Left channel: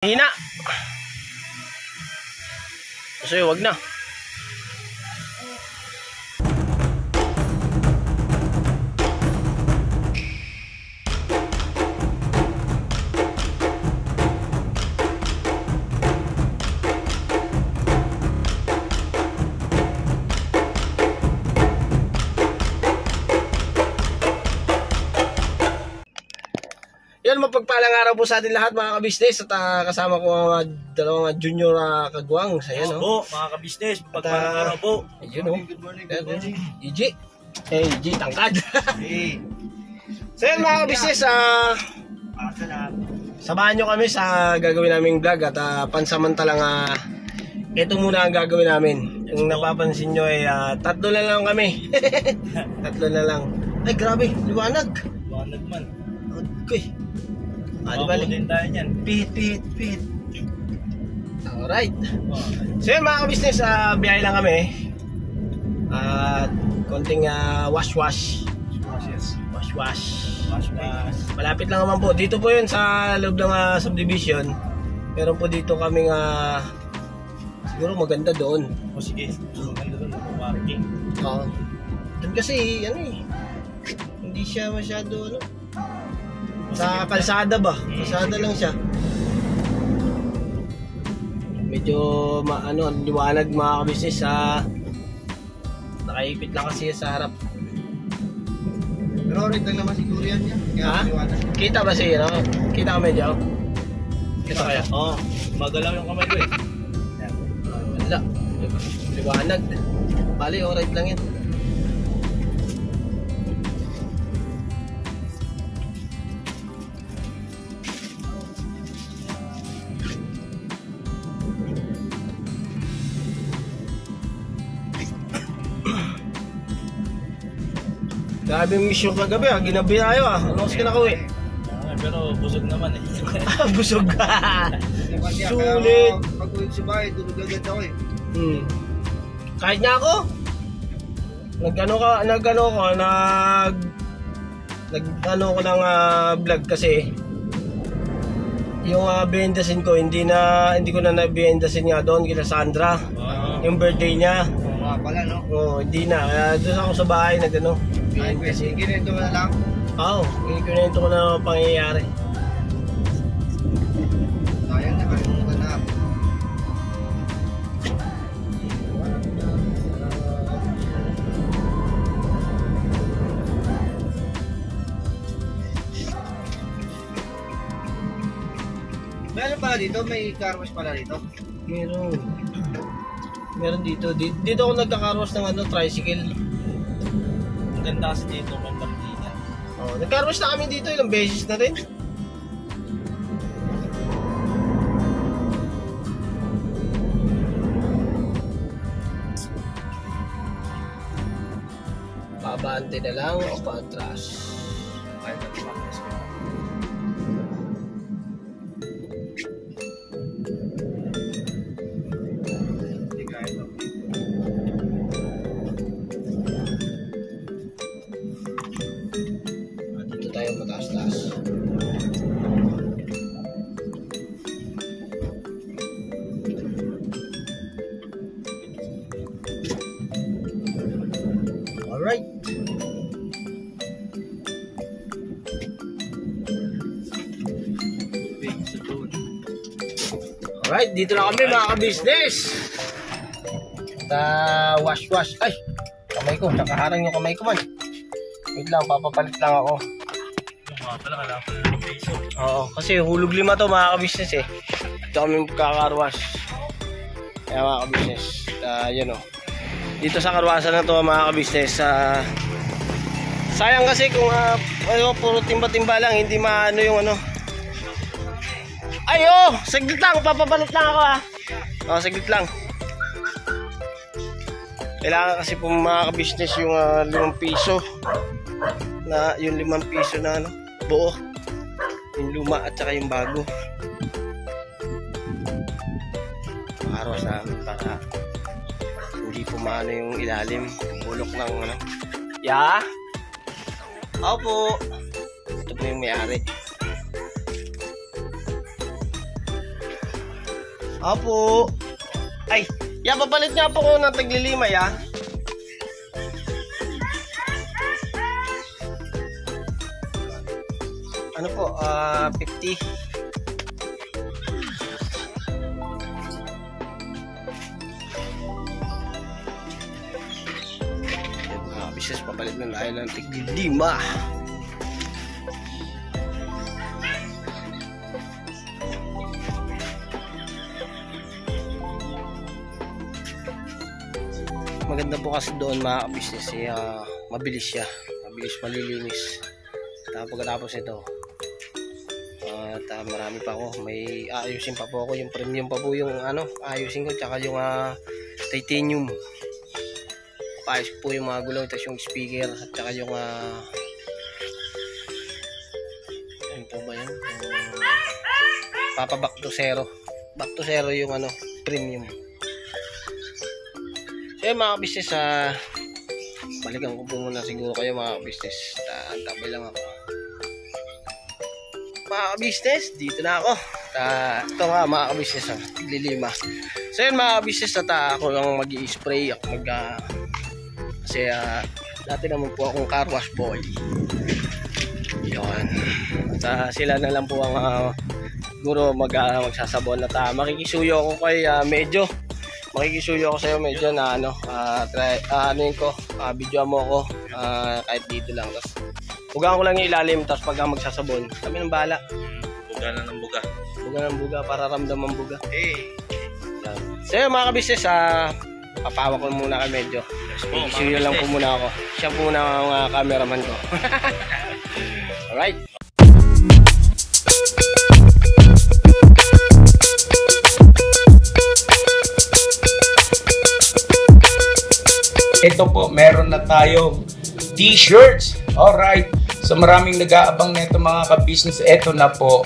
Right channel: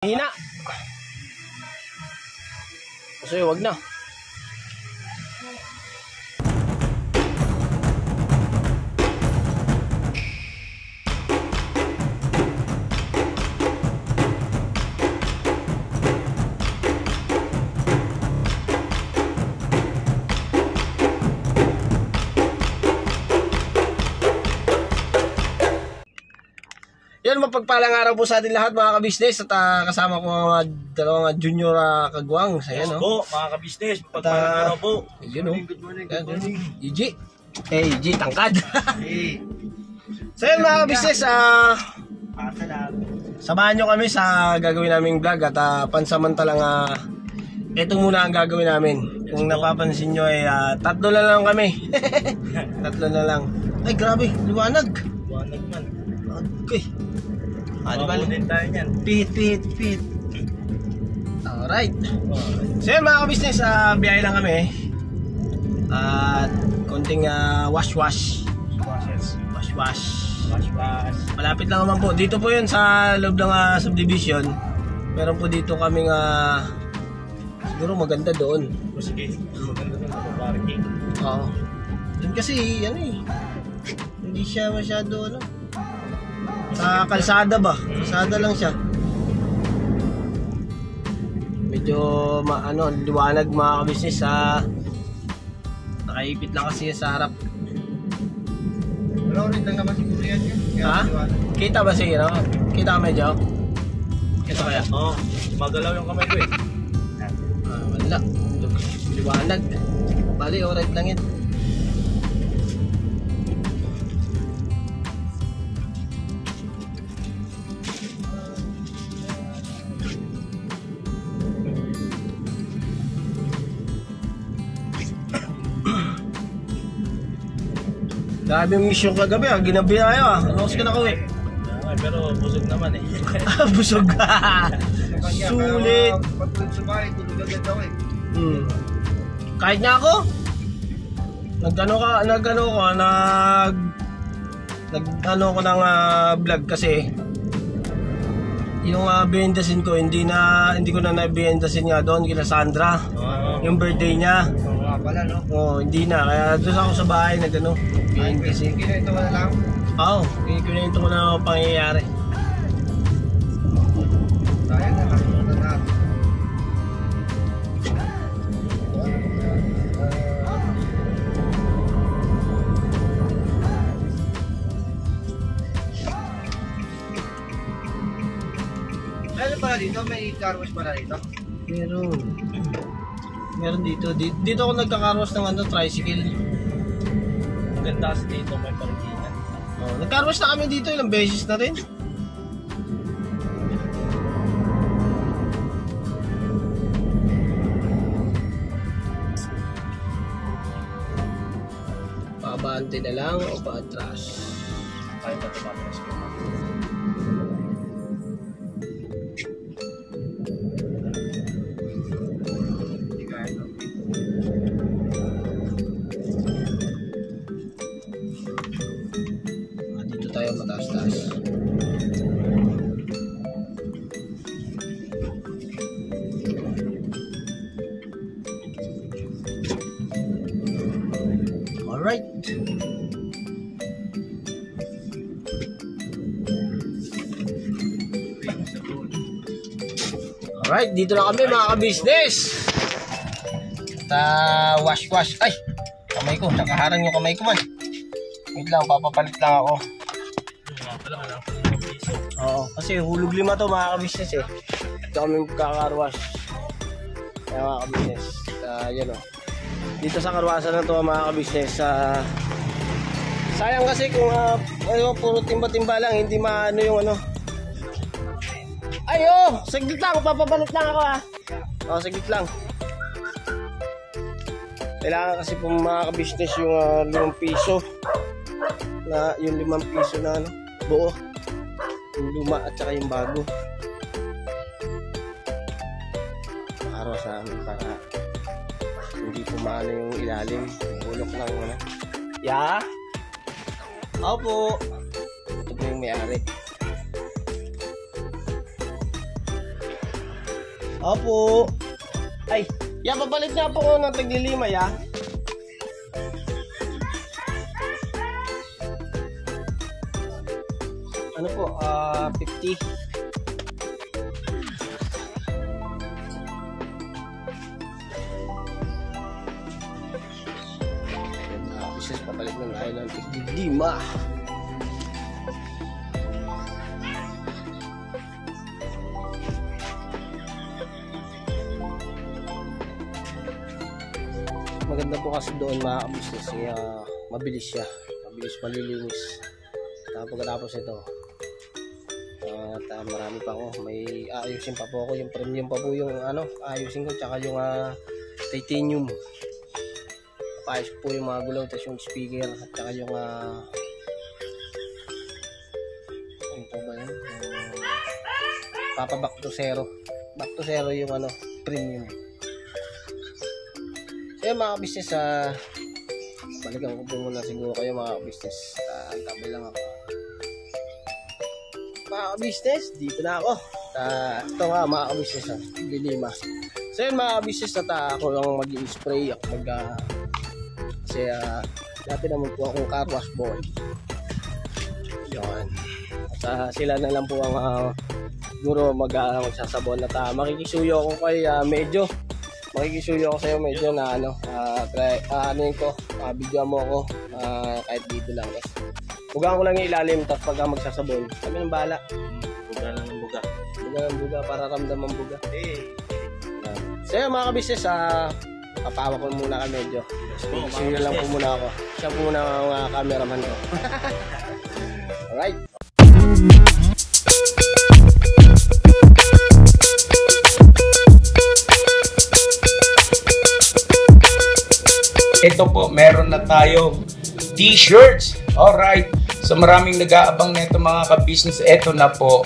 Hina. Kasi wag na. Yan, mapagpalang araw po sa atin lahat mga kabisnes at kasama ko ang dalawang junior kagwang. Ayan, po, mga kabisnes, mapagpalang araw po. Ayun, good morning. EG. EG, tangkad. So yan mga kabisnes, samahan nyo kami sa gagawin naming vlog at pansamantalang ito muna ang gagawin namin. Kung napapansin nyo ay tatlo na lang kami. Tatlo na lang. Ay grabe, liwanag. Liwanag man. Okay. Di bali din tayo niyan. Pihit. Alright. So yun mga kabisnes, biyahe lang kami. At konting wash. Malapit lang naman po. Dito po yun sa loob ng subdivision. Meron po dito kaming siguro maganda doon. O sige, maganda doon ako parking. Oo. Doon kasi hindi siya masyado sa kalsada ba? Kalsada lang siya. Medyo liwanag mga kabisnes nakaipit lang kasi sa harap. Pero rin lang naman siguro yan. Kita ba siya? Kita ka medyo? Kita kaya? Oo, magalaw yung kamay ko eh. Wala. Liwanag. Bali, alright lang yun. Grabe yung mission kagabi ginabi tayo Ano kasi kinakauwi? Pero busog naman eh. Busog ka. Sulit. Pag ulit sa bahay, tulog agad ako eh. Kahit nga ako. Nag-ano ko ng vlog kasi yung behendasin ko hindi ko na nabehendasin nga doon kila Sandra. Yung birthday niya. Oo nga pala no. Hindi na. Kaya doon ako sa bahay Behendasin. Kinento mo na lang? Oo, kinento ko na ang pangyayari. Sayang na, kalimutan na. Meron pala dito? May car wash pala dito? Meron dito. Dito ako nagka-carwash ng tricycle. Ang ganda kasi dito, may parkingan. Nag-carwash na kami dito ilang beses na rin. Paabante na lang o paatras? Kahit na tumatras ko. Hindi kaya ito. Dito tayo mataas-taas. Alright. Alright, dito na kami mga ka-business. Wash. Ay, kamay ko. Nakaharang yung kamay ko man. Wait lang, papapalit lang ako. Oo, kasi hulog 5 to mga ka-business eh. Ito kami magkakarwash. Kaya mga ka-business, yun o. Dito sa karwasan na to mga ka-business, sayang kasi kung puro timba-timba lang, hindi maano yung Ay saglit lang, papapalit lang ako saglit lang. Kailangan kasi po mga ka-business yung 5 piso. Yung 5 piso na buo. Yung luma at saka yung bago. Arawas namin para hindi po maano yung ilalim. Bulok ng Opo. Ito po yung may-ari. Opo. Ay, papalit nga po ko ng taglilimay ah. Ano po, 50. Yan mga kabisnes, papalit na tayo ng taglilima. Maganda po kasi doon mga kabisnes, mabilis siya, mabilis malilinis. Tapos pagkatapos ito, at marami pa ako, may ayusin pa po ako, yung premium pa po yung ayusin ko, tsaka yung titanium. Paayos po yung mga gulong, tapos yung speaker, at tsaka yung ano po ba yan? Papa back to zero yung premium. So mga business, balikan ko po muna siguro kayo mga business. Tabay lang ako. Mga business, dito na ako. Ito nga mga business, tiglilima. So yun mga business, ako lang mag-i-spray. Kasi dati naman po akong car wash boy. Yun. At sila na lang po ang siguro magsasabon. At makikisuyo ako kay medyo. Makikisuyo ako sa'yo medyo na video mo ako kahit dito lang. Tapos bugaan ko lang yung ilalim, tapos pagka magsasabon kami ng bahala. Buga na ng buga. Buga ng buga para ramdaman buga. So yun mga kabisnes, papawa ko muna kami medyo. Makikisuyo lang po muna ako. Siya po muna ang cameraman ko. Alright. Ito po, meron na tayong t-shirts. Alright. So maraming nag-aabang nito mga ka-business. Ito na po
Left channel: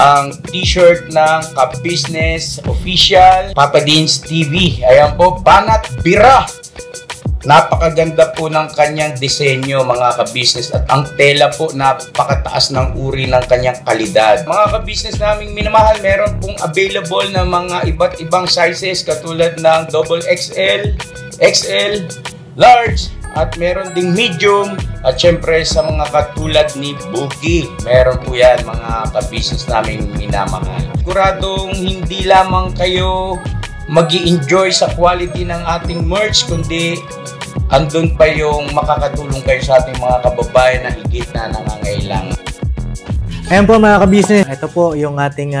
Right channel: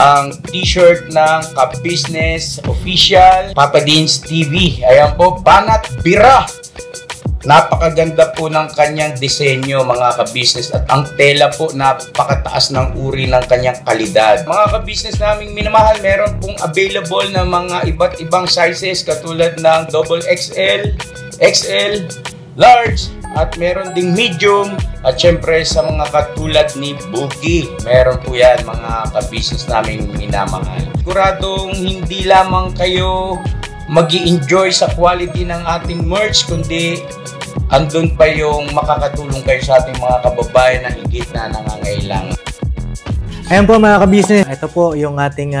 ang t-shirt ng ka-business official Papa Deans TV. Ayan po, Banat Bira. Napakaganda po ng kanyang disenyo mga ka-business, at ang tela po napakataas ng uri ng kanyang kalidad. Mga ka-business naming minamahal, meron pong available na mga iba't ibang sizes katulad ng XXL, XL, large, at meron ding medium, at syempre sa mga katulad ni Bookie, meron po yan mga ka-business naming minamahal. Siguradong hindi lamang kayo mag-i-enjoy sa quality ng ating merch, kundi andun pa yung makakatulong kayo sa ating mga kababayan na higit na nangangailangan. Ayan po mga ka-business, ito po yung ating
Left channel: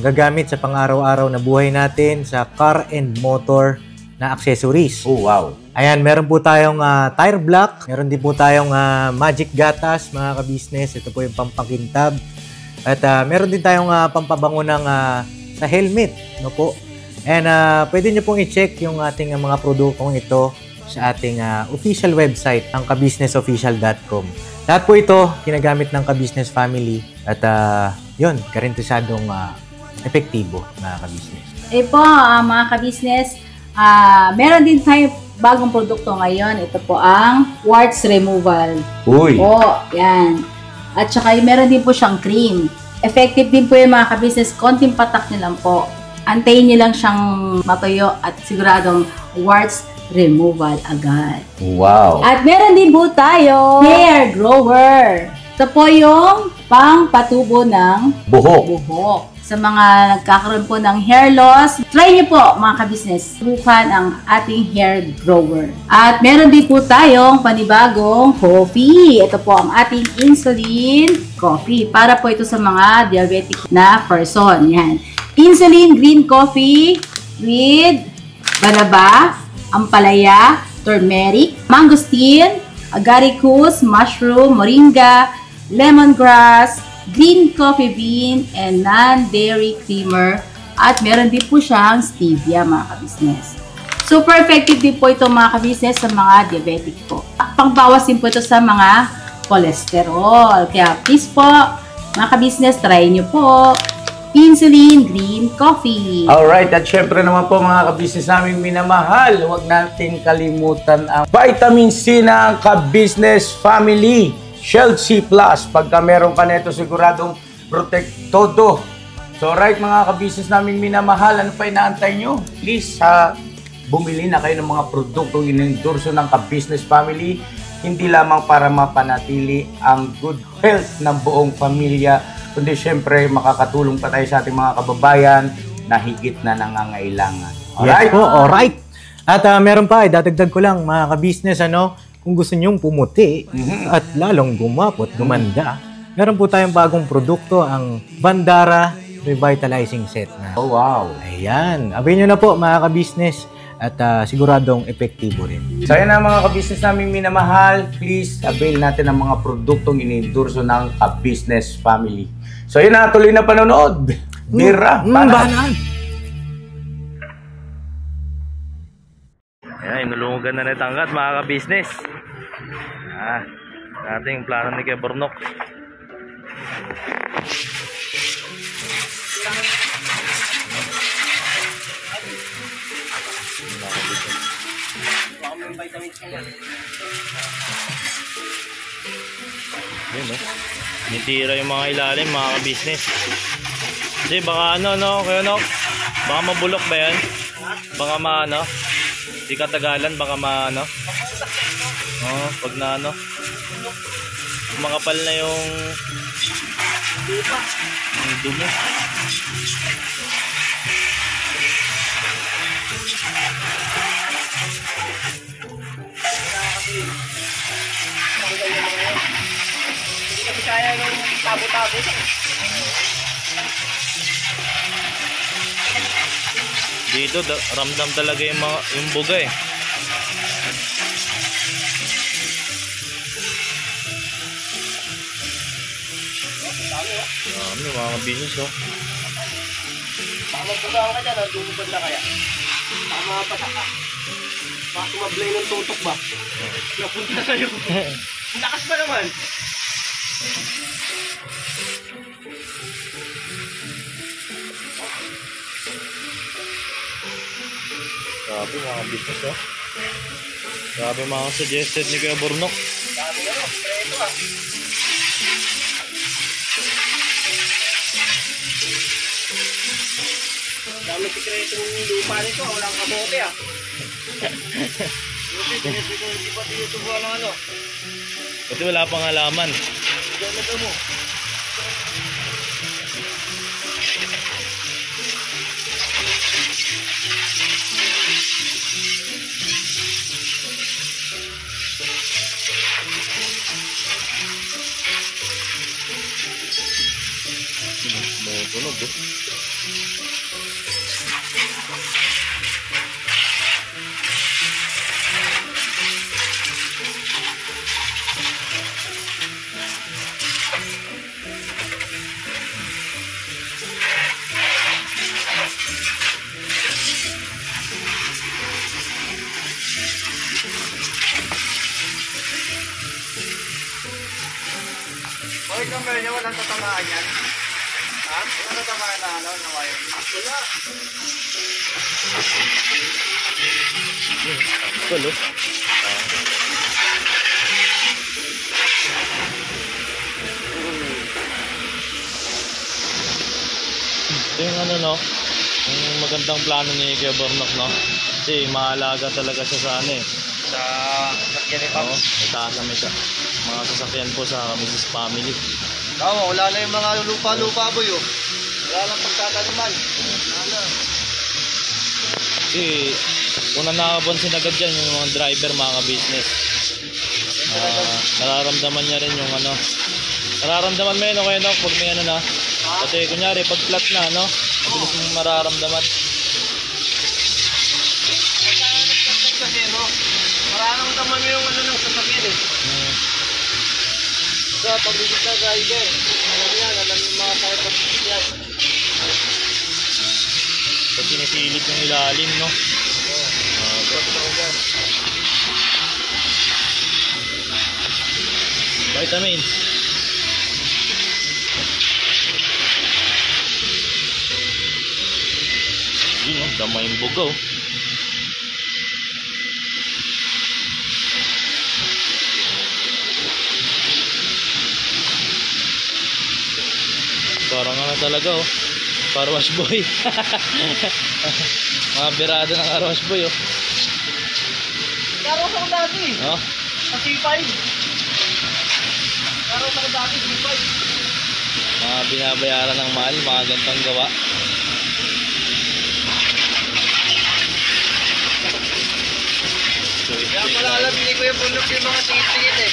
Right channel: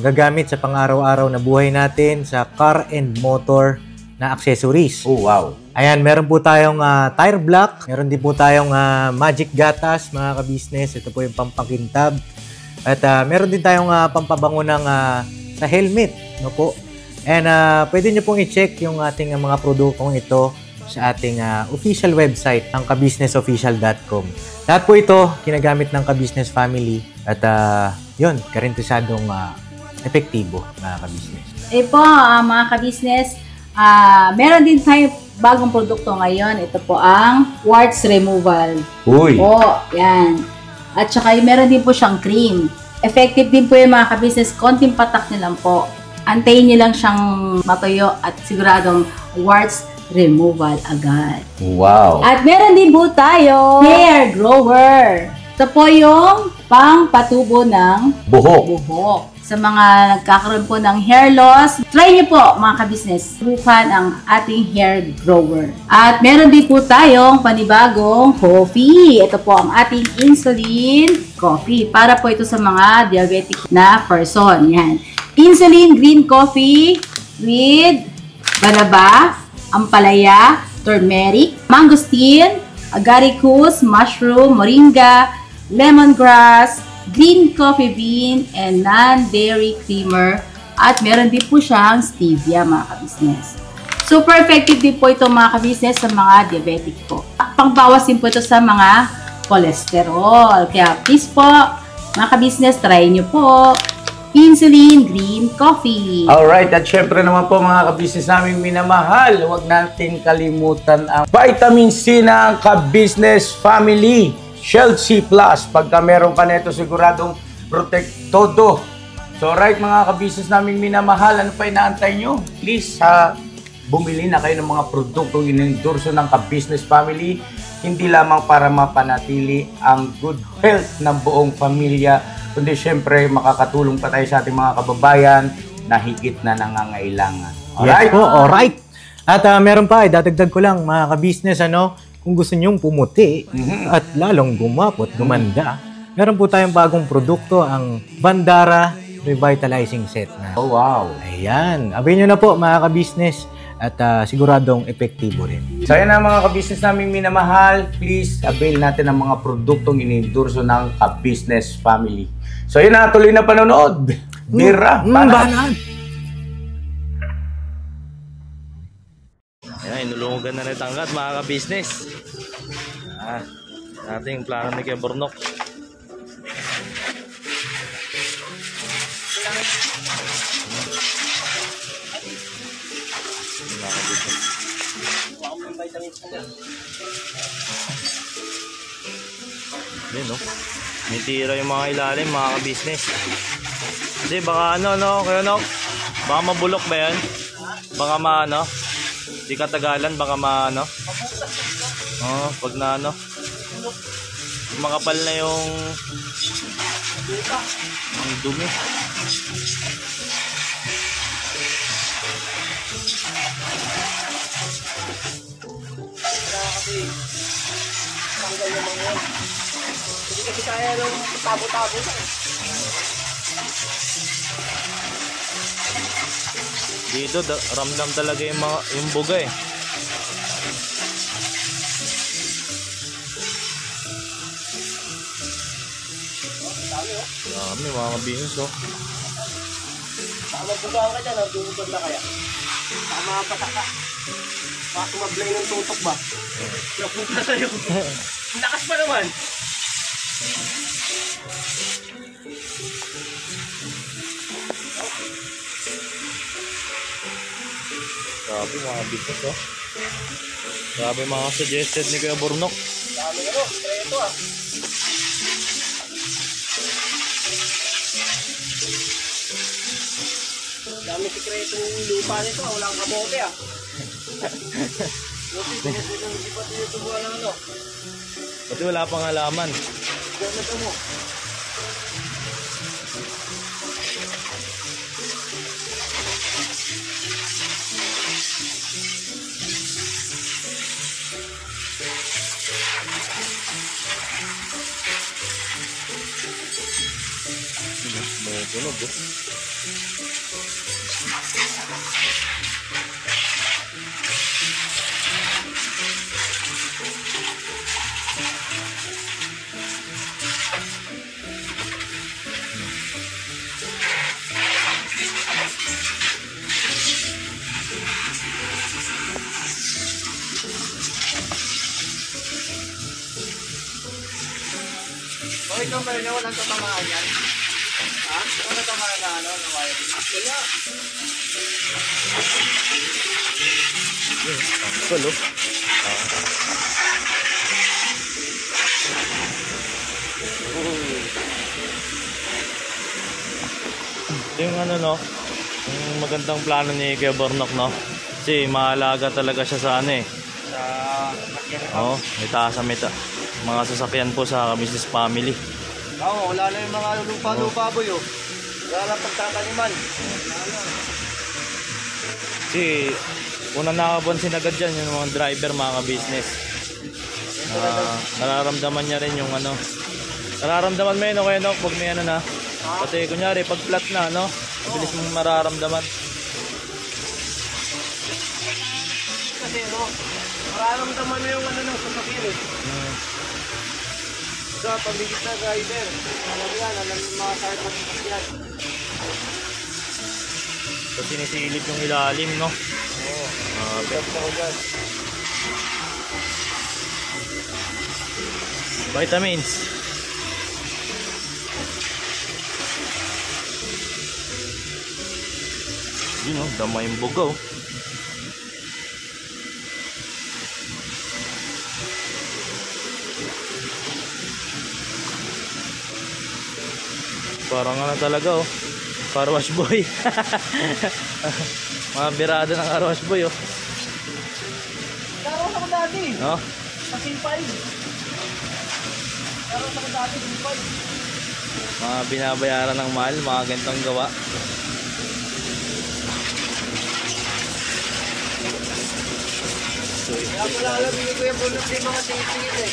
magagamit sa pang-araw-araw na buhay natin sa car and motor na accessories. Oh wow! Ayan, meron po tayong tire block, meron din po tayong magic gatas mga ka-business. Ito po yung pampakintab. At meron din tayong pampabango ng sa helmet, no po. And pwede nyo pong i-check yung ating mga produktong ito sa ating official website, ang kabusinessofficial.com. Lahat po ito ginagamit ng ka-business family at yun, karintisadong epektibo mga ka-business. Po mga ka-business, meron din tayo bagong produkto ngayon. Ito po ang warts removal. Uy! Po, yan. At saka meron din po siyang cream. Effective din po yung mga ka-business. Konting patak nyo lang po. Antayin nyo lang siyang matuyo at siguradong warts removal agad. Wow! At meron din po tayo hair grower. Ito po yung pang-patubo ng buhok. Sa mga nagkakaroon po ng hair loss, try niyo po mga ka-business, subukan ang ating hair grower. At meron din po tayong panibagong coffee. Ito po ang ating insulin coffee. Para po ito sa mga diabetic na person. Yan. Insulin green coffee with banaba, ampalaya, turmeric, mangosteen, agaricus, mushroom, moringa, lemongrass, green coffee bean, and non-dairy creamer. At meron din po siyang stevia mga ka-business. Super effective din po ito mga ka-business sa mga diabetic po. Pangbawas din po ito sa mga cholesterol. Kaya please po mga ka-business, try nyo po insulin green coffee. Alright, at syempre naman po mga ka-business naming minamahal, huwag natin kalimutan ang vitamin C ng ka-business family, Shield C+. Pagka meron ka nito, siguradong protektodo So right mga ka-business naming minamahal, ano pa inaantay nyo? Please, bumili na kayo ng mga produktong inendorso ng ka-business family, hindi lamang para mapanatili ang good health ng buong pamilya, kundi syempre makakatulong pa tayo sa ating mga kababayan na higit na nangangailangan. Alright? Yes po, alright. At meron pa, dadagdag ko lang mga ka-business, kung gusto nyong pumuti at lalong gumapot, gumanda, meron po tayong bagong produkto, ang Bandara Revitalizing Set na. Oh, wow. Ayan. Abay nyo na po mga ka-business at siguradong epektibo rin. So yan na mga ka-business namin minamahal, please avail natin ang mga produktong inendorso ng ka-business family. So yun na, tuloy na panonood. Bira, Banat! Ayan, inulungan na tangkat mga ka-business. Natin yung plano ni Kuya Bornok. Yun, no? Nitira yung mga ilalim mga ka-business. Hindi, baka Kuya Nok? Baka mabulok ba yan? Baka di katagalan, baka pag na makapal na yung dumi. Hindi kasi kaya yung tabo-tabo. Dito ramdam talaga yung buga eh. Dami mga business oh. Baka magbugaan ka dyan, dumubad na kaya. Baka mapatak ka. Baka tumablay ng tutok ba? Napunta sa'yo. Lakas pa naman. Grabe mga business oh. Grabe mga suggested ni Kuya Bornok. Dami ito ah. Dami sikretong lupa nito, walang kamote ah. Hindi pa tinutubuan ng ano. Pati wala pang halaman. Ganito mo. Tunog oh. Bakit lang pala niya walang tatamaan yan? Ha? Walang tatamaan na na wire? Wala. Cool oh. Ito yung yung magandang plano ni Kuya Bornok kasi maalaga talaga siya sa Sa sasakyan ni Pam. itaas sa mga sasakyan po sa business family. Wala na yung mga lupa-lupa boy oh. Wala na pagtatanuman. Wala na. Kasi una nakapansin agad dyan yung mga driver, mga business. Nararamdaman niya rin yung nararamdaman mo yun Kuya Nok pag may pati kunyari pag flat na mabilis mong mararamdaman. Kasi mararamdaman mo yung ng sasakyan eh. So pag bigit na driver, alam yung mga tayo pag-sasakyan. So sinisilip yung ilalim vitamins. Yun dama yung bugaw. Parang talaga car wash boy. Mga birada ng car wash boy, oh. Karos ako dati. No? Sa C5. Karos ako dati, C5. Mga binabayaran ng mahal, mga gantong gawa. So, Kaya pala alam, hindi ko yung bulok yung mga singit-singit eh.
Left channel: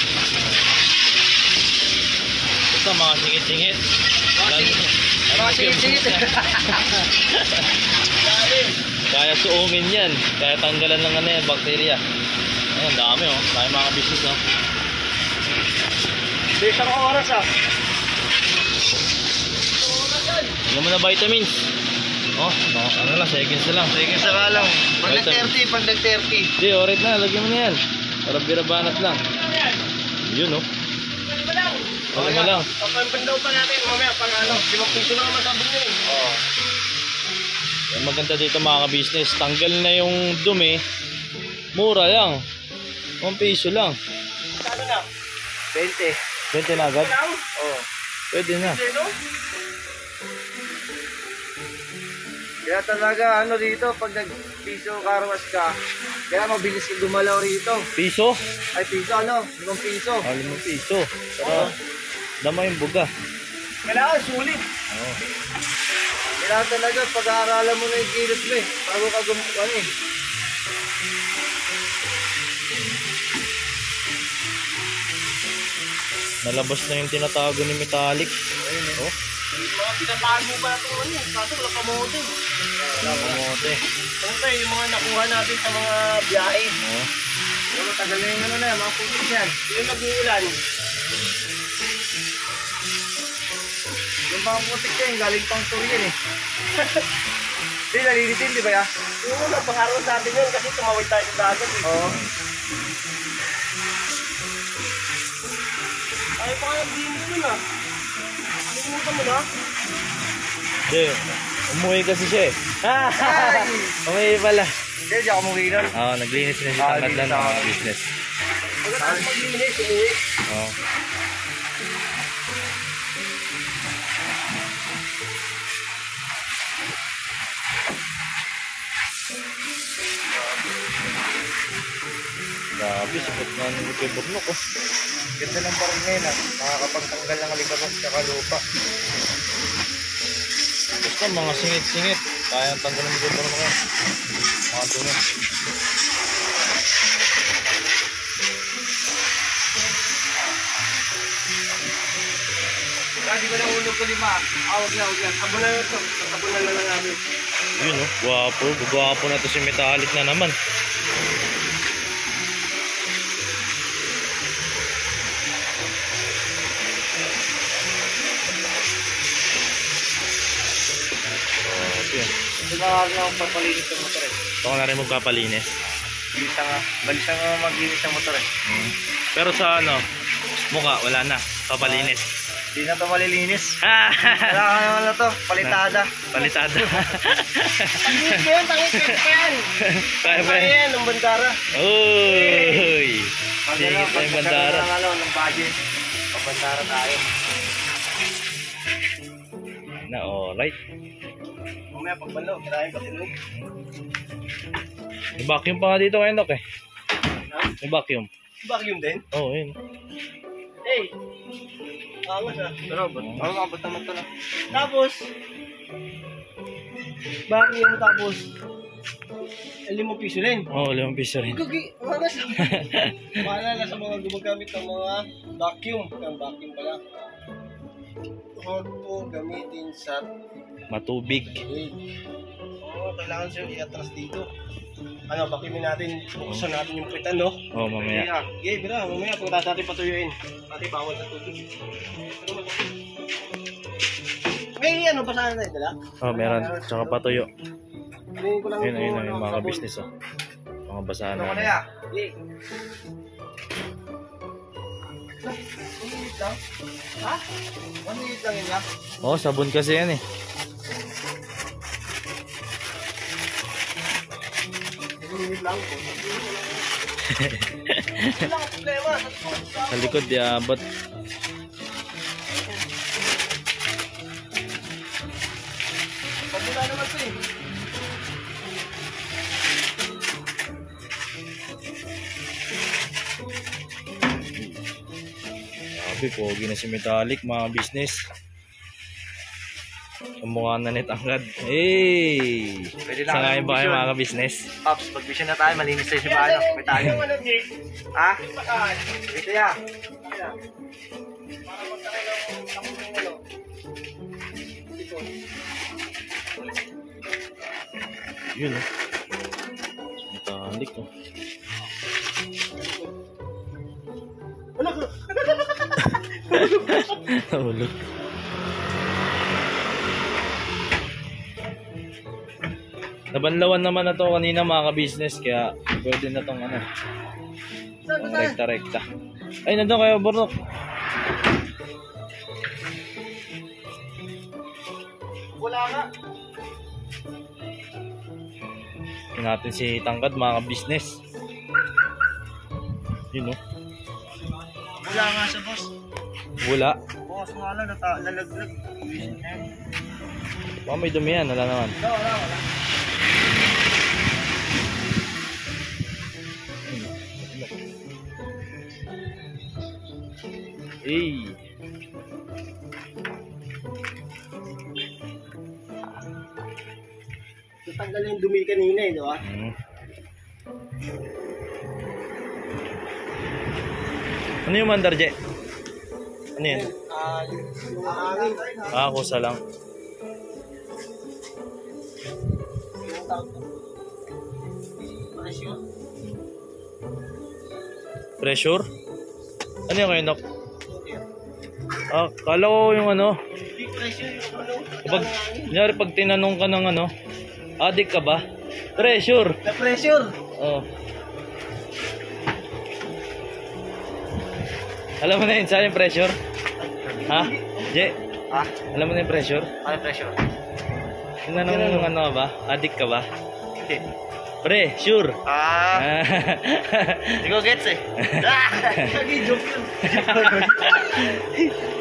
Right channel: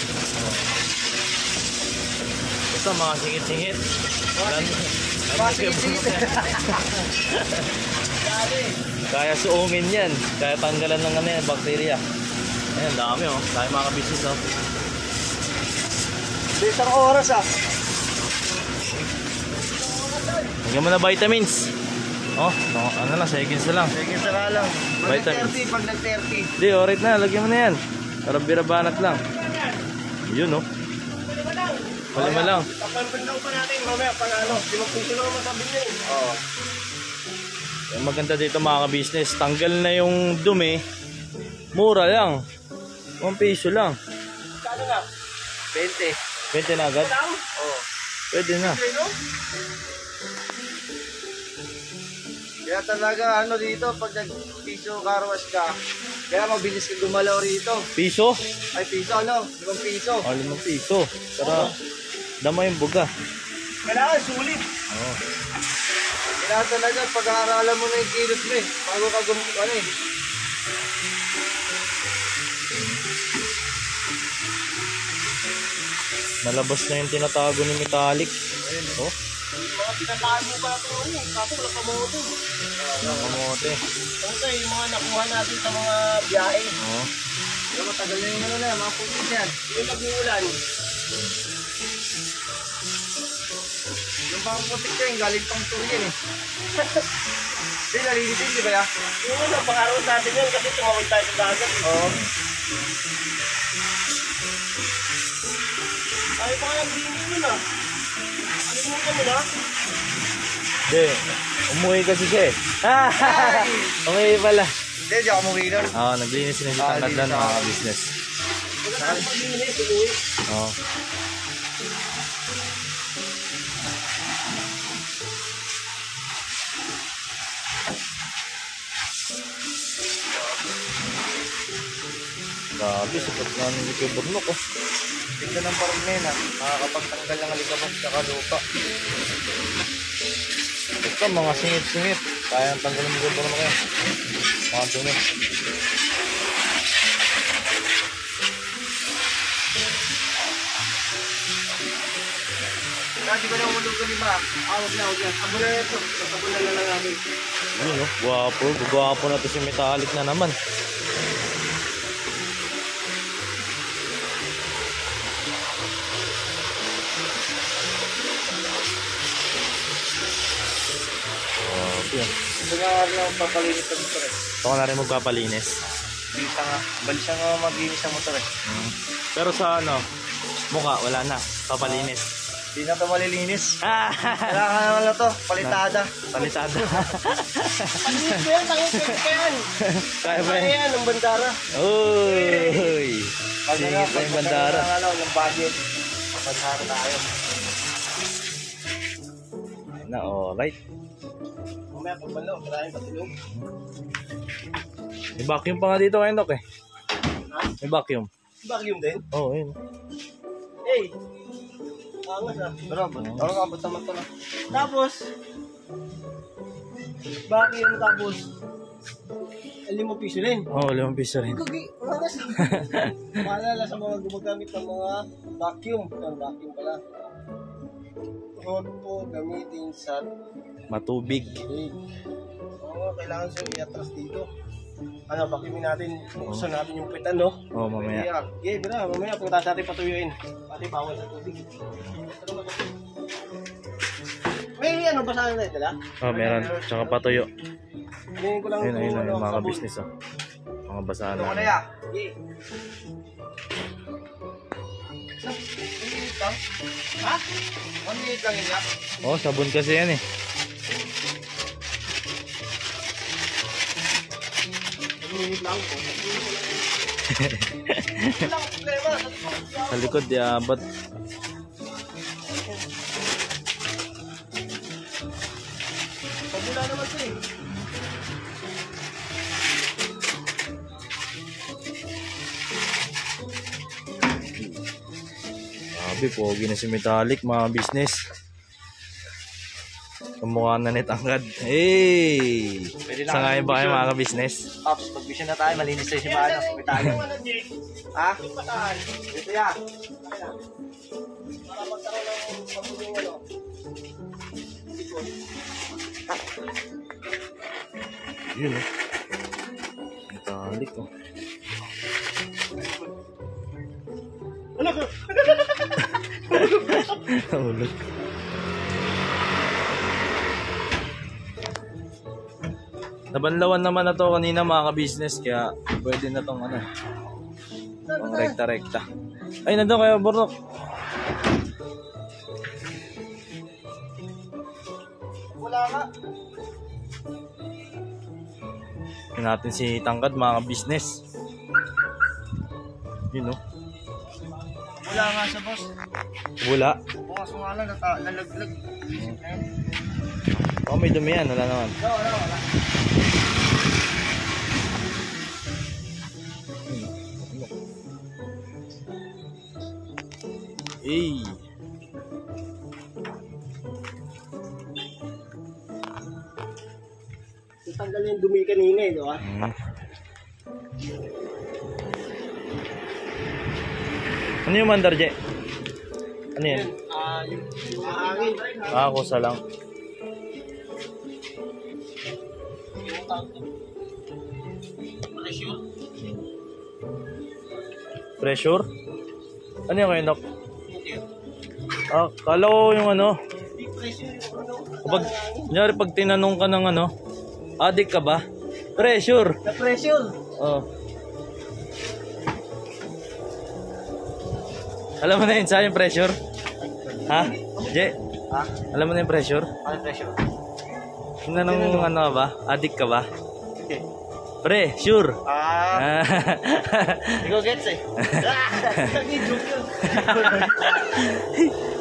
basta mga singit-singit. Mga singit-singit eh. Dali. Kaya suungin yan. Kaya tanggalan ng ano yan, bakterya. Ayan, dami oh. Kaya mga business oh. Di isang oras ah. Hanggang mo na vitamins. Oh, ano lang, seconds na lang. Sige, saka lang. Pag Vitamins. nag-30, pag nag-30. Hindi, alright na. Lagyan mo na yan. Para birabanat lang. Yun oh. Wala mo lang. Papandaw pa natin mamaya pag ano. 5 piso na naman sabi niya eh. Oo. Yung maganda dito mga ka-business, tanggal na yung dumi. Mura lang. 1 piso lang. Kano na? 20 20. na agad? Lang? Oo. Pwede na. Ano? Kaya talaga ano dito, pag nag-piso karwas ka, kaya mabilis ka gumalaw rito. Piso? Ay piso ano? 5 piso. Oh, 5 piso. Tara. Dama yung buga. Kailangan sulit. Oo. Kailangan talaga pag-aaralan mo na yung kilos mo eh. Bago ka ano eh. Nalabas na yung tinatago ni Metallic. Oh, Mga pinatago pa na ito ano eh. Kaso wala kamote. kamote. Ano tayo yung mga nakuha natin sa mga biyahe. Oh. Pero tagal na yung ano na, mga putik yan. Yung nag-uulan. Yung mga putik yan, galing pang Turian eh. Hindi, nalilitin, di ba ya? Yung ano, pangaraw natin yun kasi tumawag tayo sa dagat eh. Oo. Ay, baka naglinis mo na. Alimutan mo na. Hindi. Umuwi kasi siya eh. Umuwi pala. Hindi, di ako umuwi nun. Oo, naglinis na si Tangadlan mga business. Pagkatapos maglinis, umuwi. Oo. Grabe, sapat na ng likoburnok oh. Ganda ng parang na yun ah. Makakapagtanggal ng alikabas tsaka lupa. Basta mga singit-singit. Kaya ang tanggal ng likoburnok eh. Mga dumi. Kasi ba nang ulog ko lima? Awag na, awag na. Abo na ito. Tabunan na lang namin. Yun oh, guwapo. Guwapo na to si Metallic na naman. Yun. Ito na nga rin ang papalinis ng motor eh. Ito ka na rin magpapalinis. Balisa nga maglinis ng motor eh. Pero sa ano, mukha, wala na. Papalinis. Hindi na ito malilinis. Kailangan naman na ito. Palitada. Palitada. Tangit ko yan, tangit ko yan. Kaya pa Kaya yan. yan, ng bandara. Uy! Singit pa yung bandara. Ng budget. Ang bandara tayo. Na, alright. Mamaya pagbalaw, kirahin ka tulog. May vacuum pa nga dito ngayon, Dok eh. May vacuum. Vacuum din? Oo, yun. Hey! Angas ah. Pero ano abot naman ito lang. Tapos, vacuum tapos, 5 piso rin. Oo, 5 piso rin. Angas ah. Maalala sa mga gumagamit ng mga vacuum. Ang vacuum pala. Huwag po gamitin sa Matubig. leg. Oo, kailangan siya i-atras dito. Ano, vacuumin natin, buksan natin yung pitan, no? Oo, mamaya. Okay, bro, mamaya punta natin patuyuin. Pati bawal sa tubig. May ano, basahan na dala? Oo, meron. Tsaka patuyo. Hingin ko lang Ayun, mga ka-business oh. Mga basahan Ano namin. kaya? Okay. 1 minute lang? Ha? 1 minute lang yun ya? Oo, sabon kasi yan eh. 1 minute lang po. Wala kang problema. Sa likod, diabot. Grabe, pogi na si Metallic mga business. Kamukha na ni Tangkad. Hey! Sangayon ba kayo mga business? Pops, pag-vision na tayo, malinis tayo si Bano. May tayo. Ha? Dito ya. Yun oh. Metallic oh. Nahulog. Nabanlawan naman na to kanina mga ka-business, kaya pwede na tong ano, pang rekta-rekta. Ay, nandun kayo, Bornok. Wala nga. Tingnan natin si Tangkad mga ka-business. Yun oh. Wala nga siya, boss. Wala. Bukas nga lang, nalaglag. Baka may dumi yan, wala naman. Wala. Hey. Tatanggal yung dumi kanina eh, di ba? Ano yung mandar, Je? Ano yan? Yung hangin. Ah, kusa lang. Pressure? Ano yung kayo, Nok? Ah, kala ko yung ano. Kapag, kunyari pag tinanong ka ng ano, addict ka ba? Pressure. Na pressure. Oh. Alam mo na yun sa yung pressure? Ha? Je? Ha? Alam mo na yung pressure? Ano pressure? Tinanong ano ka ba? Addict ka ba? Hindi. Pre, sure. Hindi ko gets eh. Nag-joke yun.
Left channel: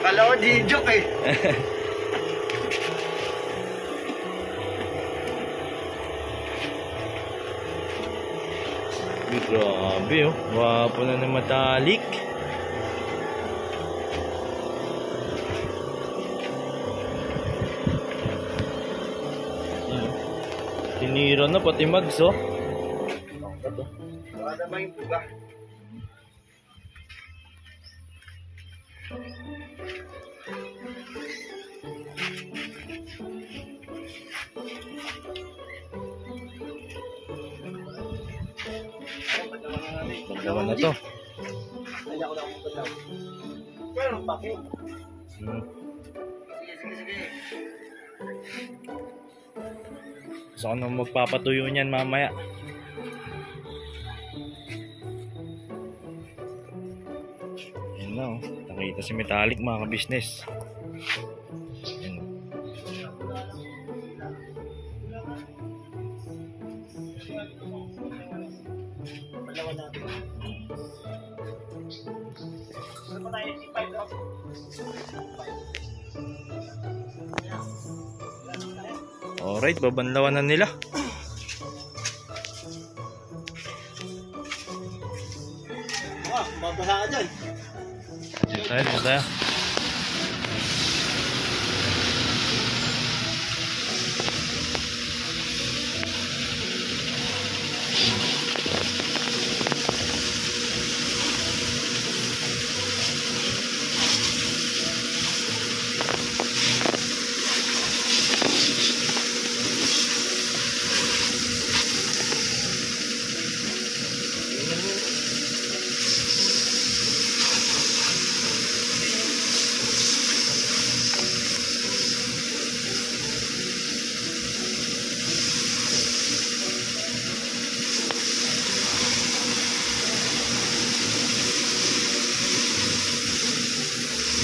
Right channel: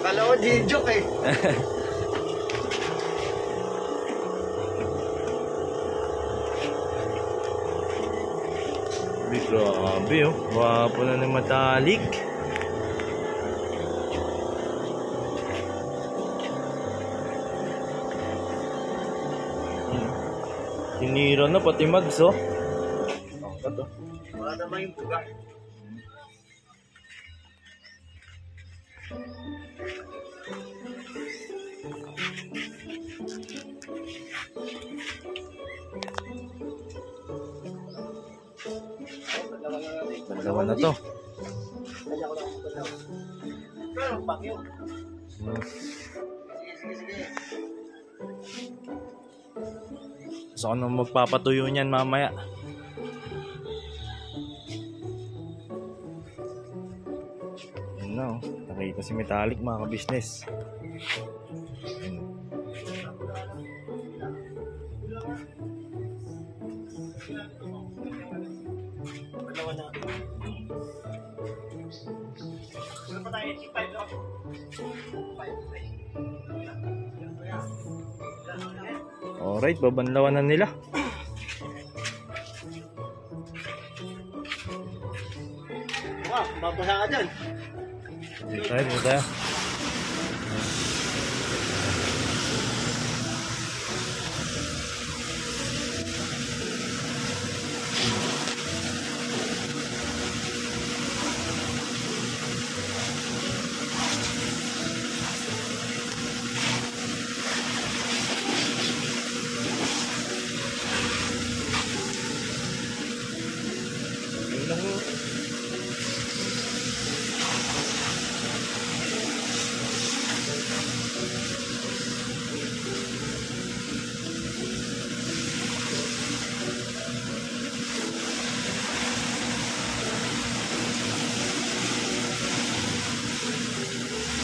Kala ko di joke eh. Grabe oh. Wapo na ng Metallic. Tinira na pati mags oh. Tangkad oh. Wala naman yung buga. Bandawan na to. Kaya ko lang kung lang. Pero pakyo. Sige. Gusto ko nang magpapatuyo niyan mamaya. Yan na oh. Nakita si Metallic mga ka-business. Yan. Alright, babanlawan na nila. Wow, babasa ka dyan. Dito tayo.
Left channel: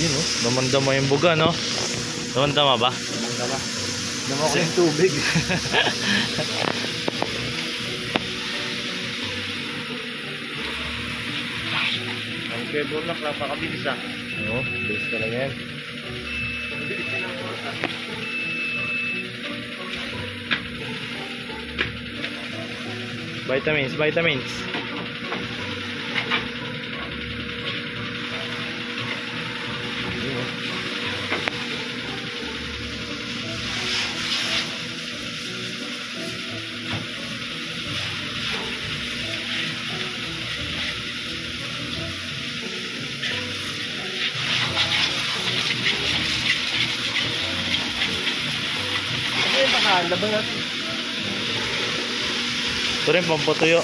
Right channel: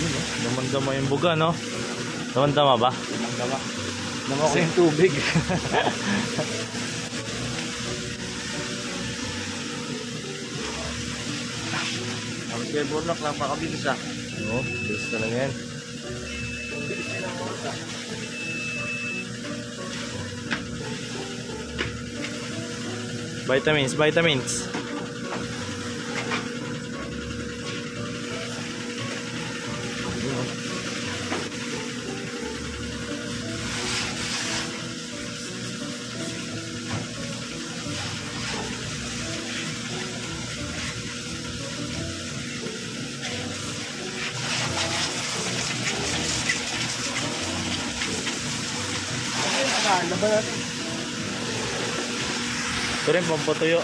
Yun oh, damandama yung buga no? Damandama ba? Damandama. Dama ko yung tubig. Ang kaya burlak, napakabilis ah. Oo, bilis na lang yan. Vitamins, vitamins. Yun, oh. Laban natin. Ito rin, pampatuyo.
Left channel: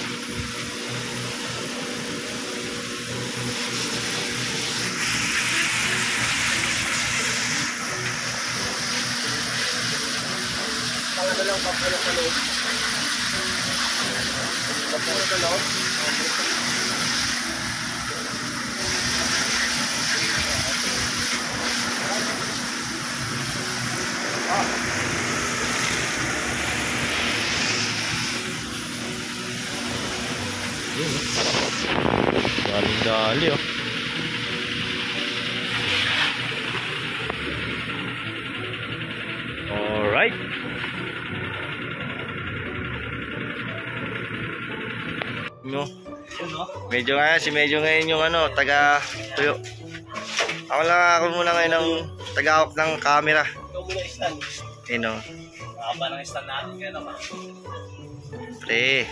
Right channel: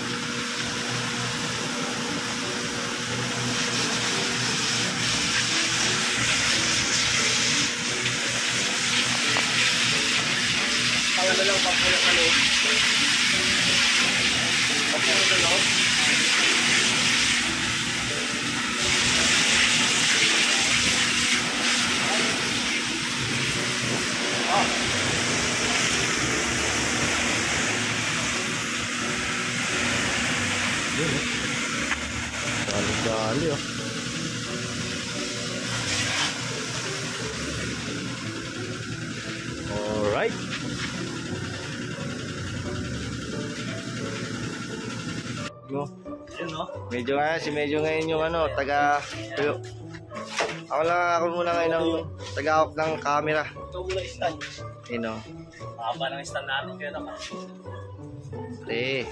Pangano lang, pampano ka loob. Pampano ka loob. Yun, oh. Dali-dali, oh. Alright. No. Medyo ngayon yung ano, taga tuyo. Ako muna ngayon ng taga-hawak ng camera. Ikaw muna stand. Ayun, oh. Mahaba ng stand natin kaya naman. Pre.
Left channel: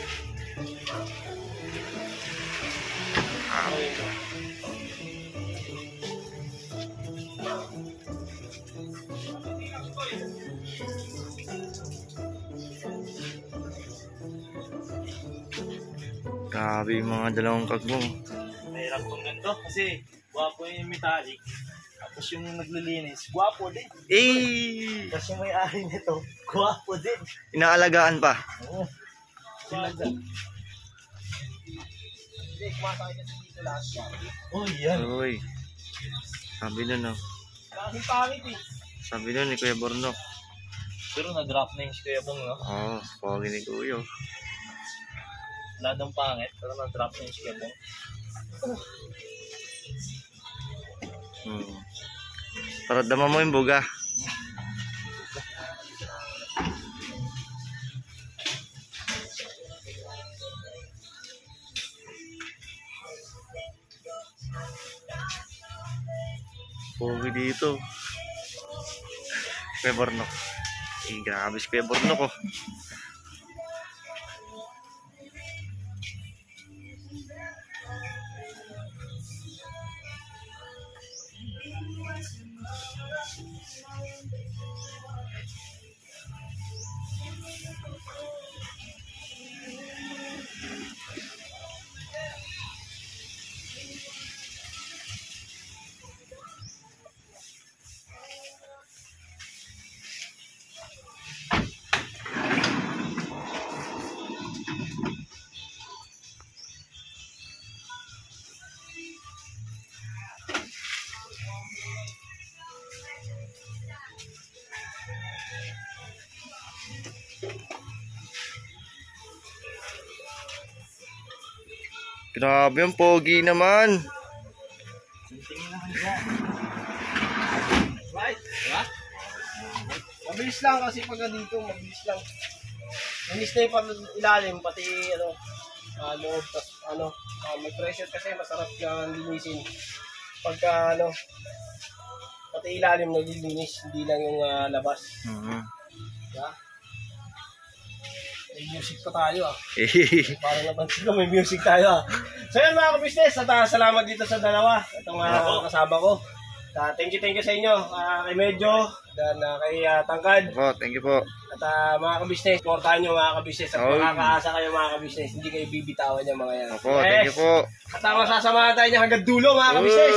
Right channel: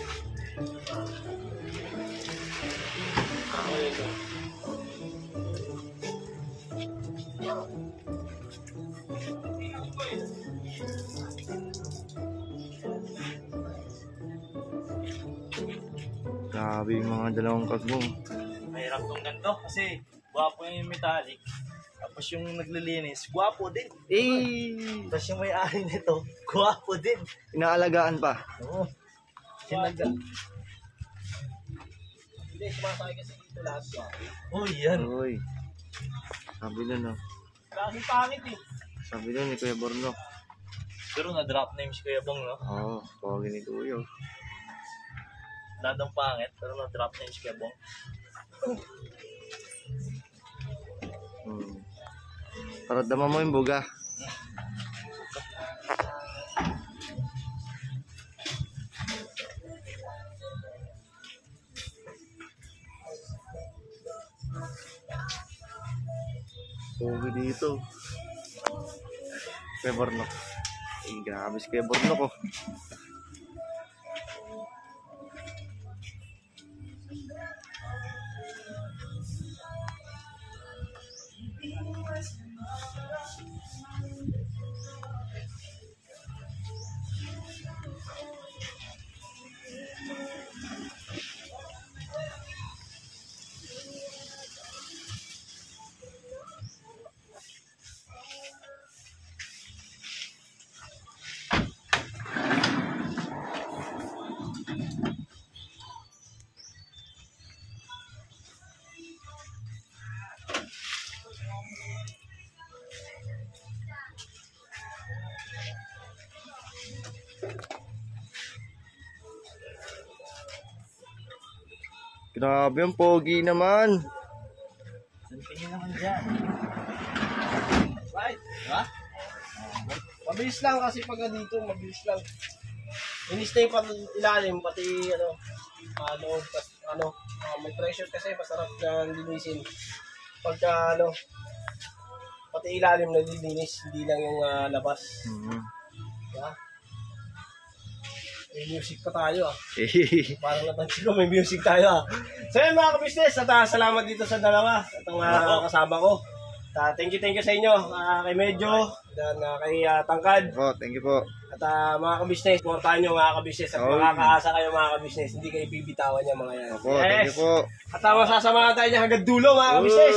Grabe yung mga dalawang kagmong. Mahirap tong ganito kasi gwapo yung metallic. Tapos yung naglilinis, gwapo din. Eh! Tapos yung may-ari nito, gwapo din. Inaalagaan pa. Oo. Sinaga. Hindi, sumasakay kasi dito lahat gwapo. Oh, yan. Uy. Sabi nun, oh. Kasi pangit eh. Sabi nun ni Kuya Bornok. Pero na-drop name si Kuya Bong, no? Oo, pogi ni Kuya. Ladang pangit, pero na-drop name si Kuya Bong. Para dama mo yung buga. Pogi dito. Kuya Bornok. Eh, grabe si Kuya Bornok, oh. Grabe, ang pogi naman. Tingin naman dyan. Right? Diba? Mabilis lang kasi pag dito, mabilis lang. Linis na yung ilalim, pati loob, tas may pressure kasi masarap na linisin. Pagka pati ilalim naglilinis, hindi lang yung labas. Diba? May music pa tayo ah. Parang naman sila, may music tayo ah. So yun mga ka-business, at salamat dito sa dalawa. Itong kasama ko. Thank you sa inyo. Kay Medyo, dan kay Tangkad. Thank you po. At mga ka-business, supportahan nyo mga ka-business. At makakaasa kayo mga ka-business. Hindi kayo bibitawan niya mga yan. Opo, thank you po. At masasamahan tayo niya hanggang dulo mga ka-business.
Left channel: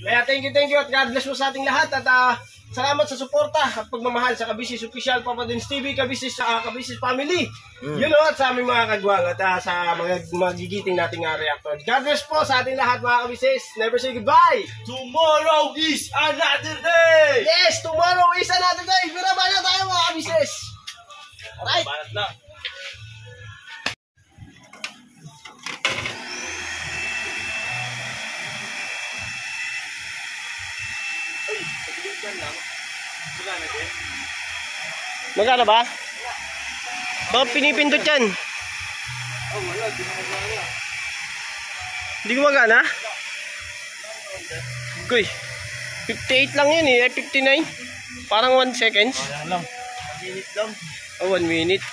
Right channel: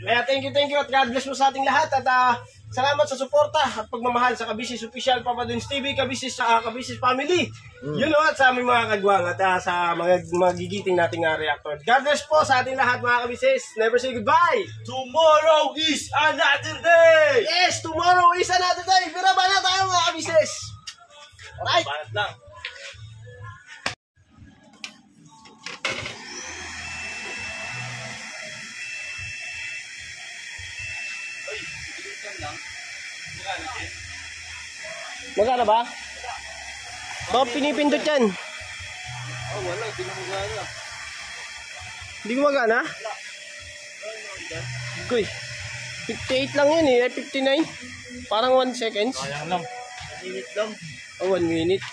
Kaya thank you at God bless po sa ating lahat. At salamat sa suporta at pagmamahal sa Kabisnes Official Papa Duns TV, Kabisnes Family. Yun o, at sa aming mga kagwang at sa mga magigiting nating reactor. God bless po sa ating lahat mga Kabisnes. Never say goodbye. Tomorrow is another day! Yes, tomorrow is another day. Biraba na tayo mga Kabisnes. Alright. Banat lang. Magkano ba? Baka pinipindot yan. Hindi gumagana? Kuy, 58 lang yun eh, 59. Parang 1 seconds. Sayang lang. Minute lang. Oh, 1 minute.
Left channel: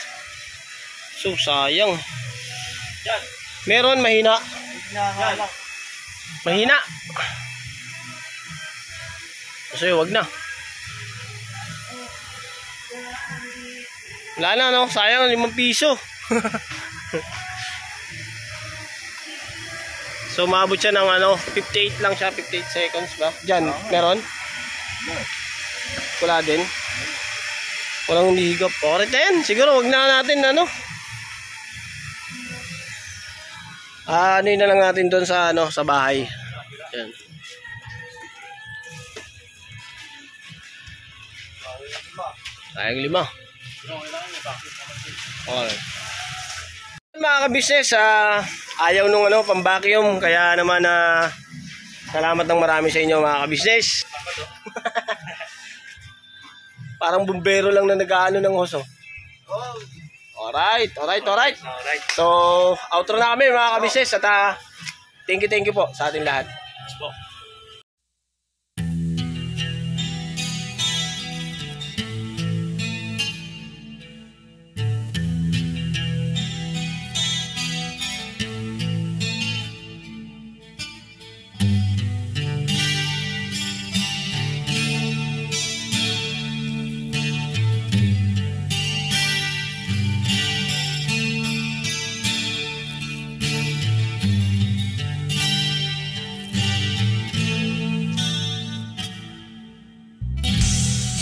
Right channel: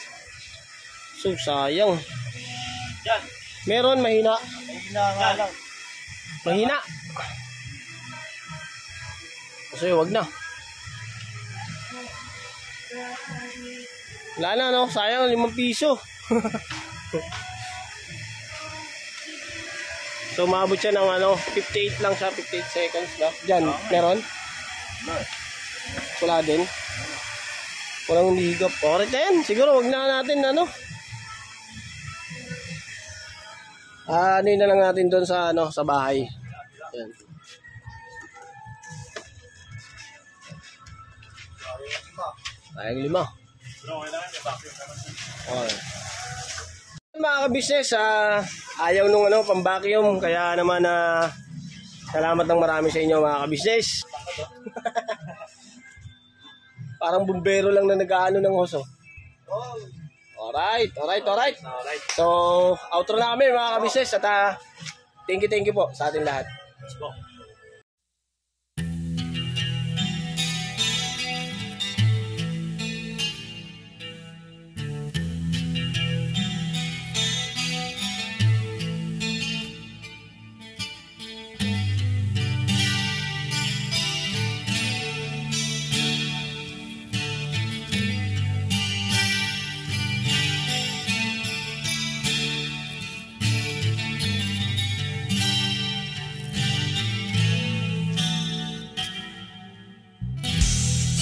So, sayang. Yan. Meron, mahina. Hinanga lang. Mahina. So, wag na. Wala na, no? Sayang, 5 piso. So, maabot siya ng 58 lang siya, 58 seconds ba? Diyan, meron? Wala din. Walang humihigop. Okay na yan. Siguro, wag na natin, ano yun na lang natin doon sa, sa bahay. Yan. Sayang 5. Okay. Mga ka-business, ayaw nung pang-vacuum, kaya naman salamat ng marami sa inyo mga ka-business. Parang bumbero lang na nag-aano ng hoso. Alright. So, outro na kami mga ka-business at thank you po sa ating lahat. Yes po.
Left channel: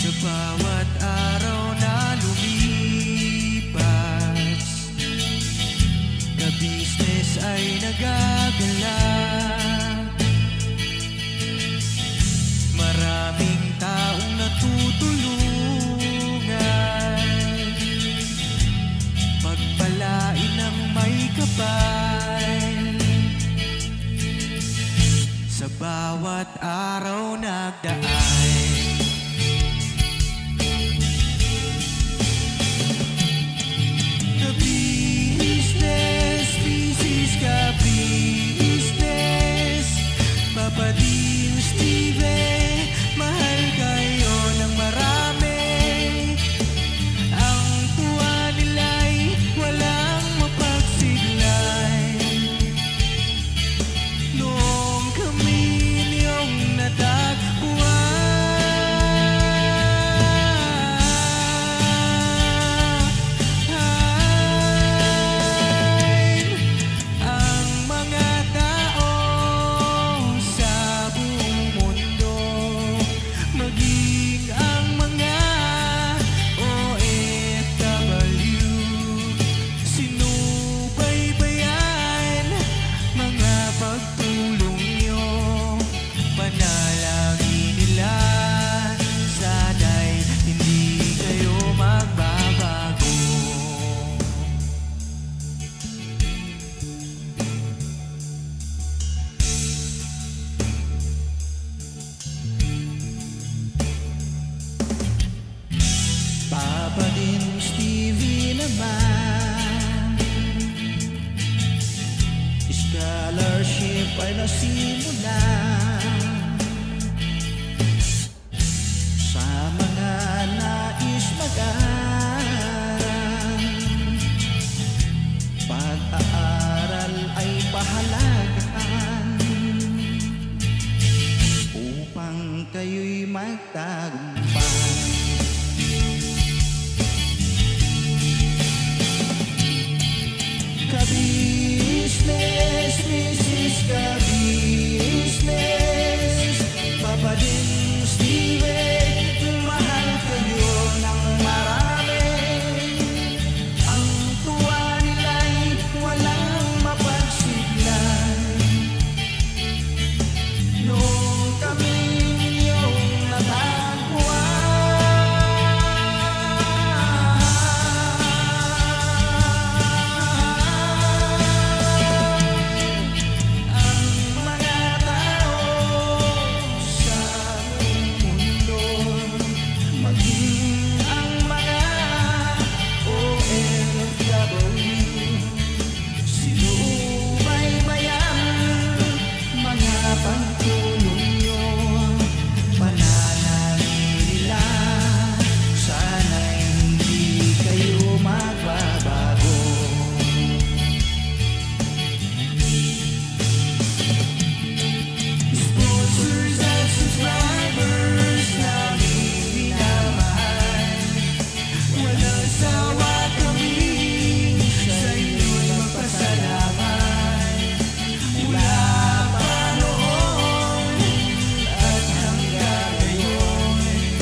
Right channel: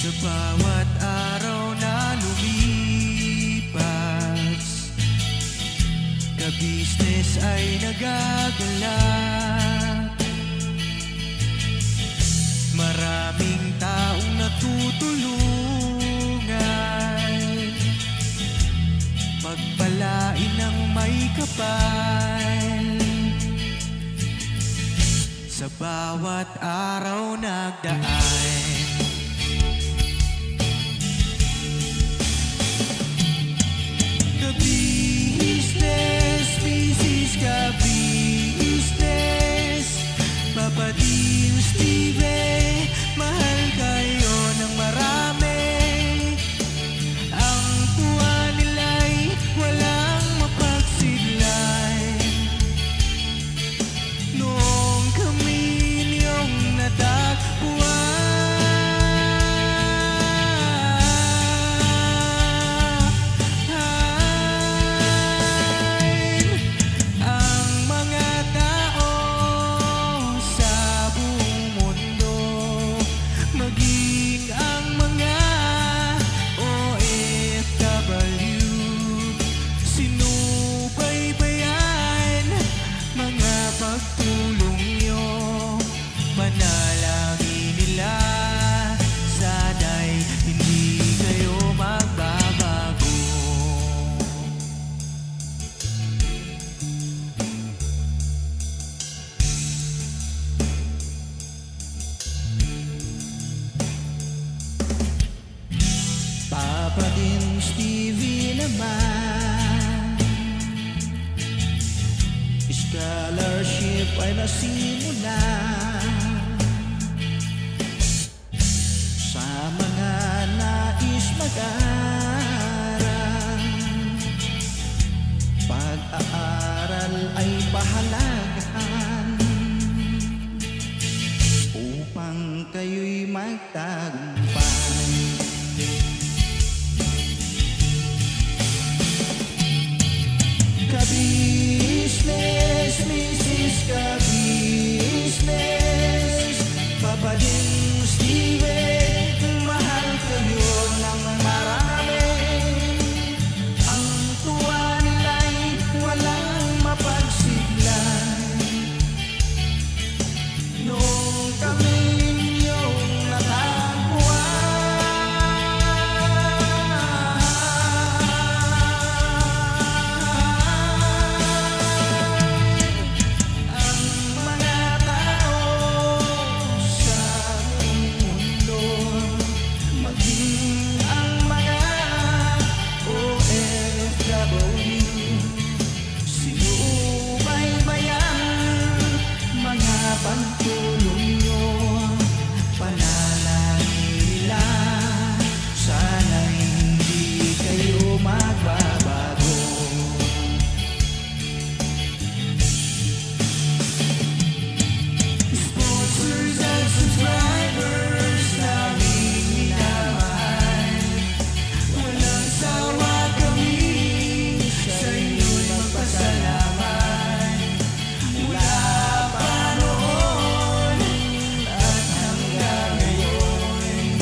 Sa bawat araw na lumipas, ka-business ay nagagalak. Maraming taong natutulungan, pagpalain ng may kapal. Sa bawat araw nagdaan, ka-business, Mrs. Ka-business, Papa Dio, Steve, mahal kayo ng marami. Ang tuwa nila'y walang mapagsidlan. Noong kami niyong natagpuan, Papa din Stevie naman, scholarship ay nasimula sa mga nais mag-aral. Pag-aaral ay pahalagahan upang kayo'y magtagumpay. Ka-business, Mrs. Ka-business, Papa din Steve, mahal kayo ng marami. Ang tuwa nila'y walang mapagsidlan. Noong kami ninyong natagpuan, ang mga tao sa buong mundo magbabago. Sponsors at subscribers naming minamahal, walang sawa kami sa inyo'y magpasalamat. Mula pa noon at hanggang ngayon,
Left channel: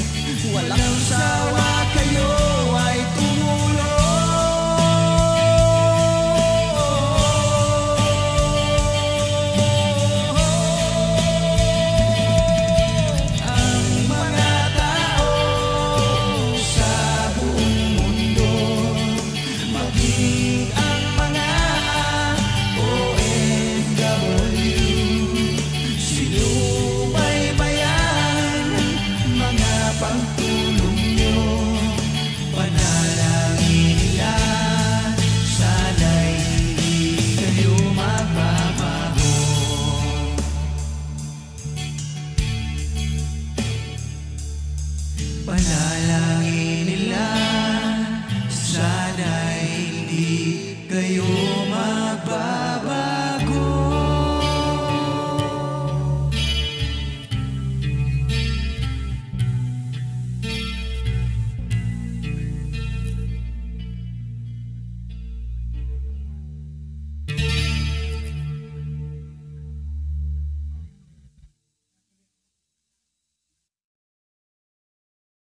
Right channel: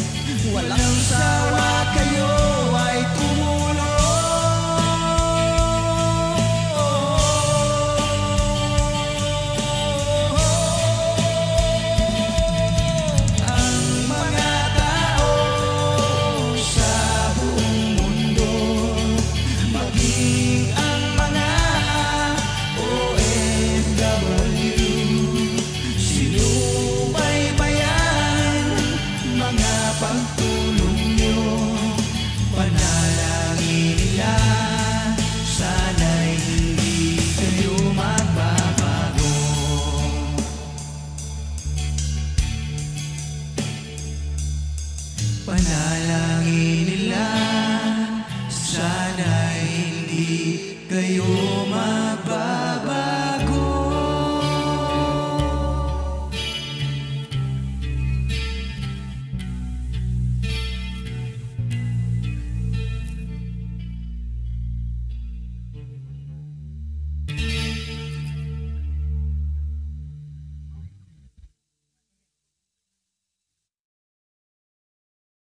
walang sawa kayo ay tumulong. Ang mga tao sa buong mundo, maging